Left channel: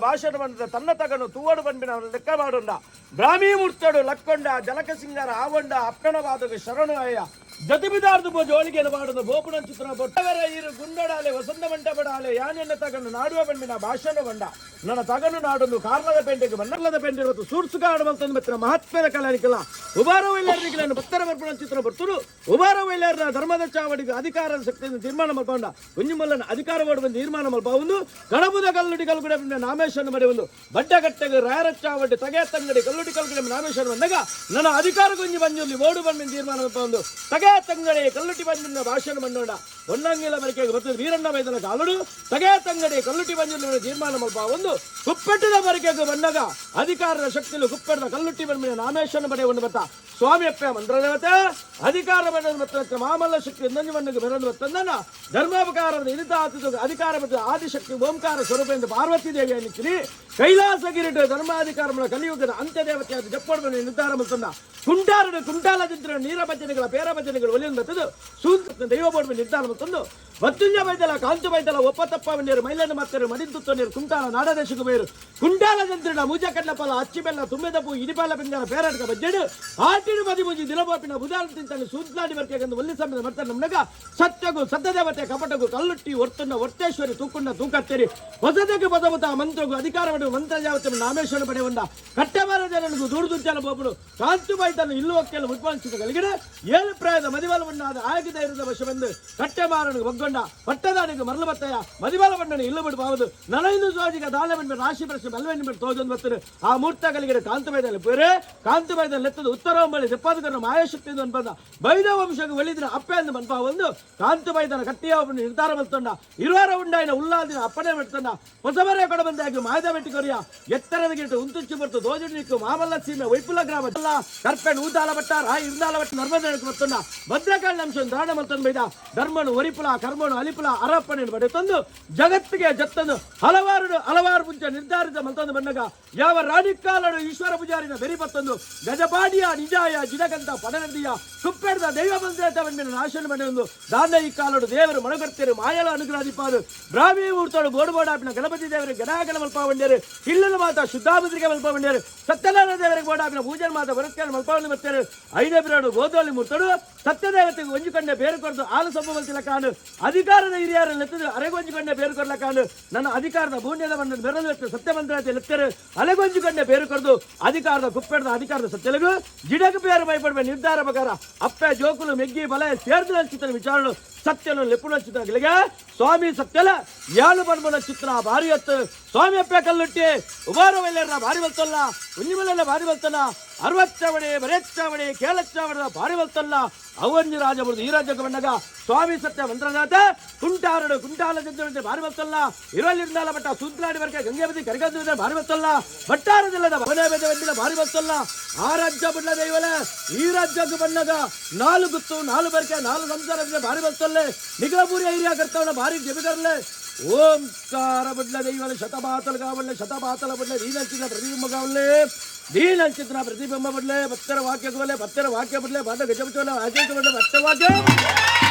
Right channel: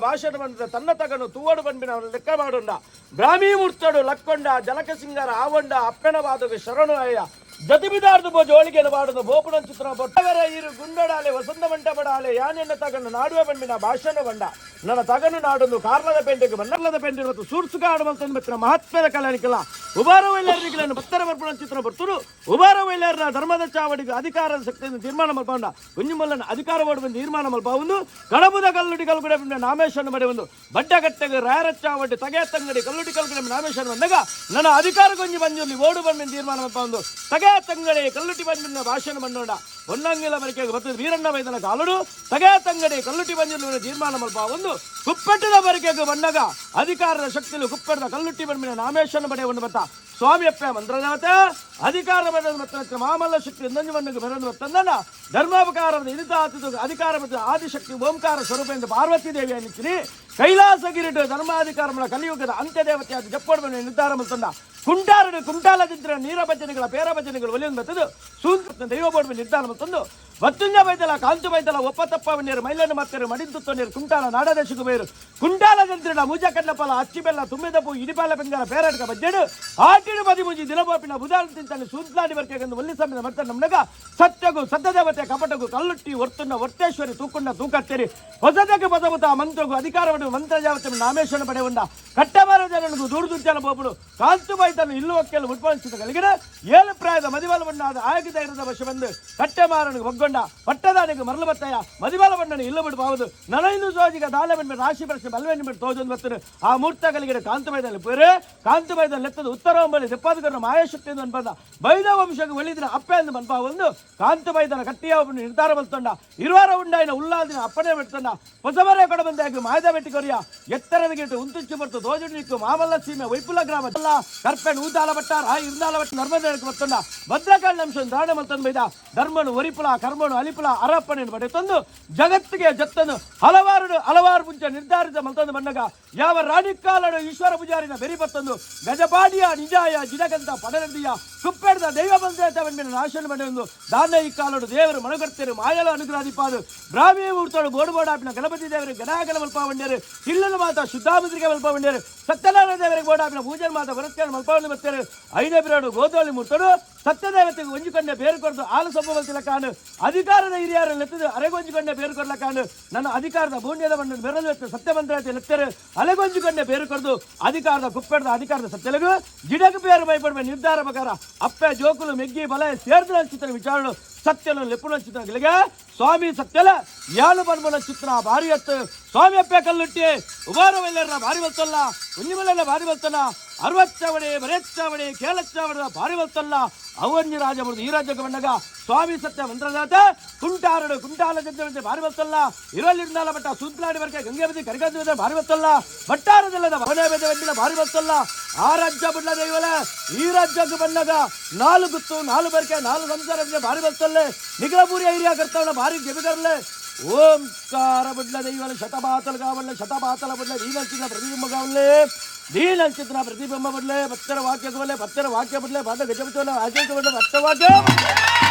ಭಾಷಣ ಬಂದ ತನ್ನ ತಗನು ತೂವಡು ಬಂಬಿನ ಅವನ ಲೆಕ್ಕ ಮಾಡುಂಡ ಬ್ರಾಹ್ಮಿ ಮುರ್ತಡು ಲಕ್ಕೊಂಡ ಜಲಕ ಸಿಂಗಾರ ಆವಂಡ ಅಪ್ಪಣವಾದಗೆ ಶರಣು ಅಯ್ಯ ಜತಿಬಿದಾರ್ದು ಬೋ ಜೋಳಿಗೆನ ಬಾಡುದು ಬೋಪುಣ ಚಿತ್ರ ಬೊಟ್ಟವರ ಇರು ಗುಂಡಡಾಲೆ ವಸಂತ ಮಂಟಪಡಾಲೆ ಯಾನೆನ್ನ ತಗನು ನಾಡುವ ಬಂಡಿನ ಭಾಷಣ ಬಂಡ ನನ್ನ ತಗನು ನಾಡೊಂದು ಕಾರ್ಲದ ಪೆಂಟೆಗೆ ಮನ್ನಲ್ಲದ ಪೆಂಟೆ ಮತ್ತು ಸೂರ್ಸುಗಾಡು ಮಲ್ತಂದು ಬತ್ತಿನ ಮಹಾತ್ಮದ ಕಲಾನಿಕಲ ಉಬಾರ ವೈಲರ್ನಿಗಳನ್ನು ಭಕ್ತರ ಬರ್ಪಣ ಚಿತ್ರ ಬರ್ತರು ಉಬಾರ ವೈಲರ್ನ ಧರ್ಮದ ಚಾವಡಿಗೆ ಅಧಿಕಾರದ ಶಕ್ತಿಯನ್ನು ತೀರ್ಮಾನ ಮಲ್ಪಂಡ ಕುಂಜುಮಲ್ಲನ ಅಧಿಕಾರ ಮಾಡುವ ತೀರ್ಮಾನ ಮಲ್ಪ ಒಂದು ಕಡಬುದ ಕಲ್ಲುಡಿ ಕಲ್ಗುಡೆ ನಾಮೇಶನ್ನು ಬಡೆ ಒಂದು ಬಡ್ಡಗಟ್ಟೆಗೆ ರಾಯರ ಚಾವಡಿ ತಗೆ ತಂಗಡಿ ಕಲ್ಲುಡಿ ಕಲ್ಗುಡೆ ನಾಮೇಶನ್ನು ಬಂದಾಗ ನನ್ನ ಅಧಿಕಾರ ಕೊಂಜಿ ಬಂದು ಓಡು ಬಂದ ತೀರ್ಮಾನ ಮಲ್ಪ ಒಂದು ತಗೆ ತಂಗಡಿ ಕಲ್ಲುಟಿ ಬಂದಿನ ಭಾಷಣ ಬಂಡೋಣ ಹೊನ್ನಂಗಿಲ ಬರಿಕೆಗೆ ಬರ್ತದೆ ವೀರಣ್ಣ ಮೈದನ ಕಾಲುಡು ತಗೆ ತಂಗಡಿ ಕಲ್ಲುಟಿ ಬಂದಿನ ತೀರ್ಮಾನ ಮಲ್ಪ ಒಂದು ಕುಪ್ಪೆಟ್ಟಿನ ಬರಿಕೆಗೆ ಬಂದಾಗ ಅಧಿಕಾರದ ಶಕ್ತಿಯಲ್ಲಿ ಕುಪ್ಪೆಟ್ಟದ ಕಲ್ಲುಟ್ಟಿ ಬಂದಿನ ನಾಮೇಶನ ಬಡೆ ಒಂದು ಬತ್ತ ಸ್ವಾಮಿ ಅಪ್ಪ ಮಂತ್ರದೇವತೆ ಅಧಿಕಾರ ಬಂದ ಮಾಮಲ್ಲ ಶಕ್ತಿ ಇನ್ನೊಂದು ಬಂದಿಗೆ ಬರೋದು ಬತ್ತಂದನ ಧರ್ಮಾಪಕಾರದ ಇಳಿತ ಅಧಿಕಾರ ಮತ್ತು ಆದಿಶಕ್ತಿ ಓಂಕಾರ ಸ್ವರೂಪ ಎಂದು ಪಾರ್ವತಿ ದೇವಿ ಅನ್ನಿಸಿರಿ ಕೈಲಾಸ ಗಿರಿಟ ಧರ್ಮಾಧಿಕಾರ ಕಲಿಯುಗದ ಅಂತ್ಯ ದೇವತೆಯಾದ ಜಪ್ಪಡದ ನಿರ್ಧಾರ ಮತ್ತಂದ ಕುಂಟಾರಡು ಕುಂಟಾಲದಿಂದ್ರ ನೀರ ಭಜನೆಗಳ ಪೇರ ಭಜನೆಗಳು ಒಲಿಯನ್ನು ಬತ್ತದು ಸೂತ್ರ ದೈವ ಬೋರ್ಡ್ ನಿರ್ಧಾರ ಮತ್ತೊಂದು ಬತ್ತುಂಜ ಬೈತಲ ಕಾಂತು ಬೈತಲ ಒಪ್ಪತಪ್ಪ ನೀರು ಮೈಲನ್ನು ಮತ್ತೆ ಮಡಿಂತುತ್ತ ನೀರು ಕುಂಟಾಲ ನಾಡದೇಶಕ್ಕೆ ಬೇರು ಕುಂಟಾಲದಿಂದ್ರ ಮುಜ ಕಡ್ಲಪಲ ಅಚ್ಚಿ ಬೆಲ್ಲ ತುಂಬಿದ ಪೂ ಇಡಿಪಾಲ ಬೆಂಗರ ಪೇರಾಟಕ ಬಜ್ಜೆಡು ಆಟಿಡು ಬದಿ ಮುಜಿ ದಿನಪಾಪಿನ ಬುಧಾನ ತಿಂತಾನೆ ಸೂತ್ಲಾಡಿ ಬರ್ಕೆಂದು ಒಲ್ಲಿ ಸಮಯದ ಮತ್ತೆ ನಮ್ನಗ ಸತ್ಯಗೂ ಸತ್ಯದೇವತೆ ಕಪಟಗೂ ಕಲ್ಲುಟ್ಟಿ ಒರ್ತುಂಡ ಒರ್ತೇಶ್ವರಿ ತೂಕುಂಡ ತೂಕತ್ತೇರಿ ಹೊಸದಕ್ಕೆ ಪದಮುತ ಮಂತ್ರಗೂ ಅಧಿಕಾರ ಮಂತ್ರ ಜಾವತೆ ನಾಮೇಶ್ವರ ಪಡೆ ಒಂದ ಕಟ್ಟಬಾರ ಜನನಿಗೂ ದುರ್ದುಂಚಲ ಬೋಪುಡು ಕಾಂತು ಬೈತನ್ನು ಇಲ್ಲುವಕ್ಕೆಲ್ಲ ಉತ್ಪಾದಿಸಿದ ಕಲಿಗಿನ ಏಳು ಪ್ರಾಯದ ಮದಿಬಲವನ್ನಾದ ಆಗಿದ ಇರದ ವಶ ಬಂದು ಕಟ್ಟೆಮಾರನಿಗೆ ಒಗ್ಗೊಂಡ ಪಟ್ಟದಾನಿಗೆ ಮರಳು ಬತ್ತಯ್ಯ ಮದಿಬಲ ಬಣ್ಣನ ಇಲ್ಲ ಬಿಡಬಹುದು ನನೈದು ಸೋಜಿಗ ದಾಳ ಬಂದ್ಬಿಟ್ಟು ರಾಶಿ ಬರ್ಷ ಬಲ್ವೆನ್ ಬಿಟ್ಟು ತೋಜೊಂದು ಬರ್ತಾರೆ ಆ ಮೂರ್ತಗಳಿಗೆ ಕಾಂತು ಬೈದಲ್ಲಿ ಬೇರೆ ಕಾಂತು ಬೈದಲ್ಲಿ ಎತ್ತದು ಉತ್ತರಾಂಬಳಿ ತೆಪ್ಪಾದಕರ ಮಾಯಾಶಕ್ತಿಯಿಂದ ಅನ್ಪದ ಬೈದ ವಂಶಕ್ಕೆ ಒಲಿದಿನ ಅಪ್ಪೆ ಎಂದು ಮನ್ಪ ಒಂದು ಕಾಂತು ಬೈದನ ಕಟ್ಟಿಯ ಒಬ್ಬನು ನಿರ್ಧಾರ ಬರ್ತಂಡ ಇರುವಾರ ಉಂಡಾಯಿನ ಉಲ್ಲಾದಿನ ಅಪ್ಪಣೆ ಬಿಡ್ತಂಡ ಹೊಸಬರೇ ಕೊಡ ಬಂದಾಗ ಮಾಯದ ಬೆಟ್ಟಿಕೊರಿಯ ಎತ್ತರದ ಗಿಟ್ಟು ಉಂತುಚ್ಚು ಬರ್ತು ದೋಜಡಿಕ್ಕು ಮಾಮಲ್ಲ ಸೀಮೆ ವೈಪುಲ ಗ್ರಾಮ ಕರ್ಪೆಣ್ ಊತಾಲ ಬಟ್ಟ ರಾಯಿ ಇರ್ದಾಲ ಬಟ್ಟ ನರ್ಮದೇನಕ್ಕೆ ಬರ್ತಂಡ ಭದ್ರಕಾಳಿ ಅಂಶ ದಾಣ ಮಲ್ತಂದು ಬೈದ ಧರ್ಮನು ಒರಿಪುಲ ಕರ್ಮನು ಅಲಿಪುಲ ಅರಪ್ಪನ ಬಡೆ ತಂದು ಜಗತ್ತಿಗೆ ಜತ್ತನು ಹಲವಾರು ಮುಂಚೆ ನಿರ್ಧಾರಿತ ಮಲ್ತಂದು ಬಂದಾಗ ಯಾವ ರಾಣಿಕಾಲಡು ಈಶ್ವರ ಪೂಜಾರಿನ ಬೆರಿ ಬತ್ತಂದು ಗಜಪಾಡಿಯ ನಿಜಾಯ ಜಿನಗಂತ ಪಡನದಿಯ ಸುಪ್ಪೆಡ್ದ ದೈವ ಬಂದೇತವನ್ನಿನ ನಾಶನ ಮನೆಯೊಂದು ದಾನ ಈ ಕಾಲಡು ದೇವರು ಮನಗರ್ತೇರು ಮಾಯಲ ಅನುಗ್ರಹಿಪಾದು ಬ್ರಾಹ್ಮಿ ಊರ್ತೋಡು ಬೋರ್ಬೋಡಾಪಿನ ಗಣಪತಿ ದೇವರಿಗೆ ಗಣಾಗಲ ಮಲ್ಪ ಬಂಡೇರು ಇಲ್ಲಲು ಮಾತ ಶುದ್ಧಾಮುದ್ರಿಗೆ ಮಲ್ಪ ಬಂಡೇರು ಸತ್ಯನಾರಾಯಣ ದೇವರಿಗೆ ಬೋಡಾಪಿನ ಪೂಜೆ ಮಾತ ಬರತ್ಕೇಳು ಮಲ್ಪವನ್ನು ಬರ್ತೇರು ಐದೇ ಬಿರಾಡು ಗೋದೋಳಿ ಮೂರ್ತೋಡು ಸತ್ಯದೇವತೆಗೆ ಒಂಜಿಕೊಂಡೆ ಬೇರು ಕೊಡ್ದು ಆಲು ಸಂಭವಿಸಿಲ್ಲ ಕಾಣು ಅಧಿಕಾರದ ಹಿರಿಯರನ್ನು ಎತ್ತದು ಅರೆಗೊಂಜಿಕೊಂಡೆ ಬೇರು ಕೊಡಲ ಕಾಣು ನನ್ನ ಅಧಿಕಾರದ ಭೂನ್ಯದ ಮಣ್ಣನ್ನು ಬೆರಲು ಸತ್ಯಮಂತ್ರಾತೆ ಲೆತ್ತರು ಅಲೆಗೊಂಜಿಕೊಂಡೆ ಬೇರು ಕೊಡ್ದು ಅಧಿಕಾರದ ಕುಪ್ಪೆಡ್ದ ಅಧಿಕಾರದ ಸತ್ಯಲಗು ಜಿಡಗು ಬೇರು ಭಯಪಡುವ ನಿರ್ಧಾರ ಪ್ರಕಾರ ಅಪ್ಪೆ ಜೋಕುಲು ಮೆಗ್ಗಿ ಬಲ ಸೇರ್ದ ಚಿತ್ರ ವಿಚಾರಣೆ ಸತ್ಯಲು ಲೆಪ್ಪುನ ಚಿತ್ರಗಳಿಗೆ ಸ್ವಾಮಿ ಸತ್ಯಲ ಯಾಲು ಬಣ್ಮಲ ಚಿತ್ರ ಭಾರಿ ಹತ್ತು ಸ್ವಾಮಿ ಅಪ್ಪೆ ಕಲ್ಲುಟ್ಟಿ ಉಬಾರ ವೈಲರ್ನ ಭಾರಿ ಬರ್ತಲ್ಲ ಕುಂಜಿಮಲೆಲ್ಲ ಭಾರಿ ಬರ್ತಲ್ಲ ಅರವತ್ತಾವಣೆ ಬರೆಚ್ಚಾವಣೆ ಕೇಳಚ್ಚಾವಣೆ ಭಾರಿ ಬರ್ತಲ್ಲ ಅವನ್ಯ ರಾಜ ಬರುದು ಈ ರಾಜ್ಯಕ್ಕೆ ಬಂದಾಗ ಸ್ವಾಮಿ ಸತ್ಯ ಮಂತ್ರನಾಥ ಕುಂಟಾರಡು ಕುಂಟಾಲ ಜಂತೆ ಭಾರಿ ಬರ್ತಲ್ಲ ಇರಲಿಂದಾಲ ಬಟ್ಟ ಸುಂತ್ಲಾಡಿ ವರ್ಗ ಗಂಗೆ ಬದಿ ಕರಿಗಂದ ಭಾರಿ ಬರ್ತಲ್ಲ ಬಟ್ಟಾರದಿಲ್ಲದ ಭವನ ಬೆದ ಭಾರಿ ಬರ್ತಲ್ಲ ಆ ರಾಜ್ಯ ಬಿಡ್ಲ ದೈವಲ ಈ ರಾಜ್ಯಕ್ಕೆ ಬಂದಾಗ ನಾಲ್ಕು ಗುತ್ತು ನಾಲ್ಕು ಬರ್ಕೆ ನಾಲ್ಕು ಸಂಸಾರ ಭಾರಿ ಬರ್ತಲ್ಲೇ ನಿಗಲಪುರಿ ಐರಿಯಾ ಕರ್ತಾವಣ ಭಾರಿ ಜಮಿದರ್ಲೆ ಓಂಕಾರ ಬಿಡ್ಲ ದೈವಲ ಶತಪಾತಲ ಕಾವಲ್ಲೆ ಶತಪಾತಲ ಬಿಡ್ಲೆ ದೀನಂಚಿನ ಪ್ರತಿಬಿಂಬ ಕಾವಲ್ಲೆ ದೀನಂಚಿನ ಪ್ರತಿಬಿಂಬ ಬಿಡ್ಲೆ ಭಕ್ತರ ವಾಕ್ಯ ಬಿಡ್ಲೆ ಭಕ್ತರ ವಾಕ್ಯ ಬಿಡ್ಲೆ ಬಾದ ಗಜ ಬಿಟ್ಟವಲ್ಲ ಆಚರಿಸ ಬಿಡ್ಲೆ ಭಕ್ತ ವಾಕ್ಯ